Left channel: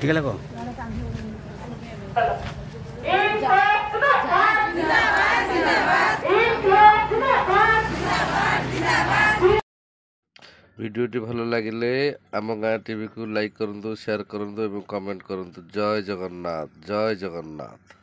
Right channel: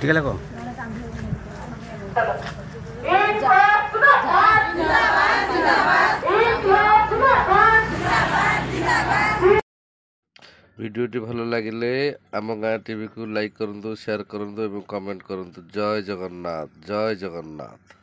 ठीक है को वीडियोटी भल लगे आम गाँ टीवी को लाइक करूँ शेयर करूँ और कमेंट करूँ। जय जगन्नाथ जय जगन्नाथ।